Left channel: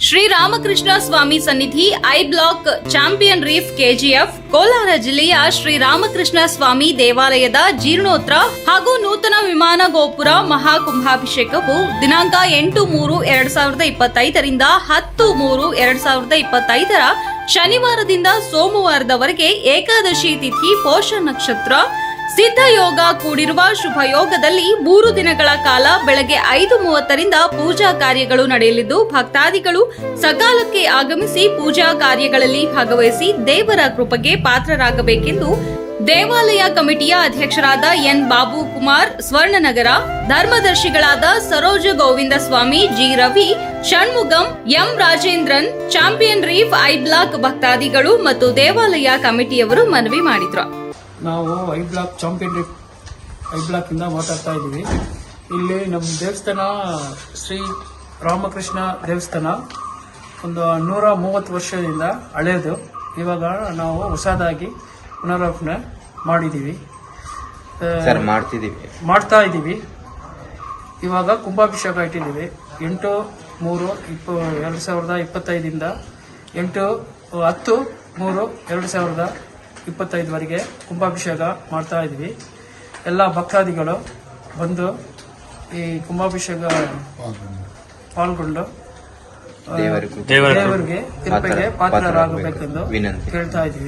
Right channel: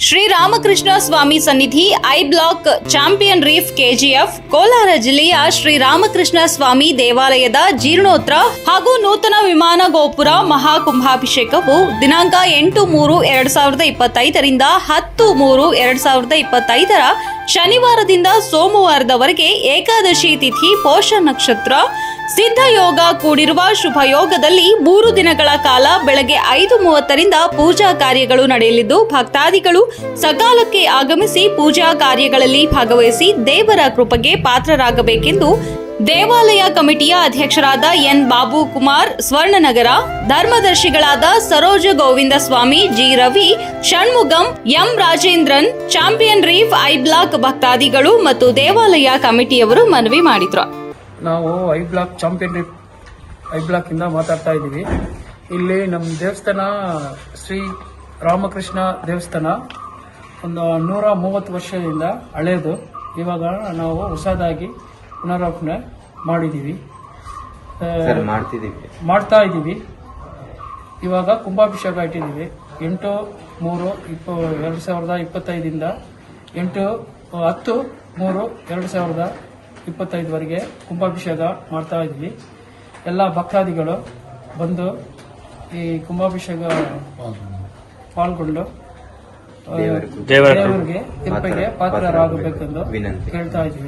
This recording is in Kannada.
ಶ್ರೀರಾಮಕೃಷ್ಣ ಸ್ವಾಮಿ ಸನ್ನಿಧಿ I block Champion Reef KGF, Kolar ಜಿಲ್ಲೆಯ ಶ್ರೀ ರಾಮಕೃಷ್ಣ ಸ್ವಾಮಿ ದೇವಾಲಯದ ಜೀರ್ಣೋತ್ತರ ಹಾಗೂ ನೂತನ ವಿಮಾನ ಗೋಪುರ ಮಹಾಕುಂಭಾಭಿಷೇಕವು ದಿನಾಂಕ ಎಂಟು ಮೂರು ಎರಡ್ ಸಾವಿರದ ಇಪ್ಪತ್ತೈದರಿಂದ ಹತ್ತು ಮೂರು ಎರಡ್ ಸಾವಿರದ ಇಪ್ಪತ್ತೈದರ ಶನಿವಾರದಿಂದ ಸೋಮವಾರದವರೆಗೆ ಏಕಾದಶಿ ತಿಥಿ ಪೋಷ ನಕ್ಷತ್ರ ಸಿದ್ಧಯೋಗ ಕೂಡಿರುವ ಶುಭ ಯೋಗದಲ್ಲಿ ಮೂರು ದಿನಗಳ ಕಾಲ ಬೆಳಗ್ಗೆ ಐದು ಮೂವತ್ತರಿಂದ ಪೂಜಾ ಕಾರ್ಯಗಳು ನಡೆಯಲಿದ್ದು, ಭಕ್ತಾದಿಗಳು ಸಕಾಲಕ್ಕೆ ಆಗಮಿಸಿ ಪೂಜಾ ಕಾರ್ಯಗಳಲ್ಲಿ ಭಾಗವಹಿಸಿ ದೇವರ ಕೃಪೆಗೆ ಪಾತ್ರರಾಗಬೇಕೆಂದು ದೇವಾಲಯ ಕಮಿಟಿಯ ಅಧ್ಯಕ್ಷರಾದ N Babu Kumar ಸ್ವರ್ಣನಗರ ಧರ್ಮದರ್ಶಿಗಳಾದ Saroja Govinda Swamy G Ravi Shanmugam M Rajendran, Champion Reef I block ಭಕ್ತಾದಿಗಳು ಮತ್ತು ದೇವಾಲಯ ಕಮಿಟಿಯವರು ಮನವಿ ಮಾಡಿದ್ರು. ನಾವು I block Champion I block ಇಂದ ಮಾತಾಡ್ತಾ ಇದ್ದೀವಿ. ಇಲ್ಲಿ ನಮ್ಮ ದೇವಸ್ಥಾನ ಶ್ರೀ ರಾಮಕೃಷ್ಣ ದೇವಸ್ಥಾನ. ಒಂದು ನೂರ ಮೂವತ್ತು ವರ್ಷದಿಂದ ಹಳೆಯದು ಇವಾಗ ನಾವು ಹೊಸದಾಗಿ ಪುನರಾರ್ಪಣೆ ಮಾಡಿದ್ದೀವಿ. ಮಾಡ್ತಿದ್ದೀವಿ. ಮಾಡ್ತಾ ಇದ್ದೀವಿ. ಇವಾಗ ಕುಂಭಾಭಿಷೇಕ ಇಟ್ಟಿದ್ದೀವಿ. ಎಂಟು ಮೂರು ಇಪ್ಪ ಎರಡು ಸಾವಿರದ ಇಪ್ಪತ್ತೈದಿಂದ ಎಂಟು ಹತ್ತು ಮೂರು ಎರಡು ಸಾವಿರದ ಇಪ್ಪತ್ತೈದವರೆಗೆ ಕುಂಭಾಭಿಷೇಕ ಮಾಡ್ತಾ ಇದ್ವಿ. ಎಲ್ಲ ಭಕ್ತಾದಿಗಳು ಬಂದು ಈ ಕುಂಭಾಭಿಷೇಕ ಪಾಲ್ಗೊಂಡು ದೇವರಿಗೂ ಕೃಪೆಗೆ ಪಾತ್ರರಾಗಬೇಕೆಂದು ಕೇಳ್ತಾ ಇದ್ದೀವಿ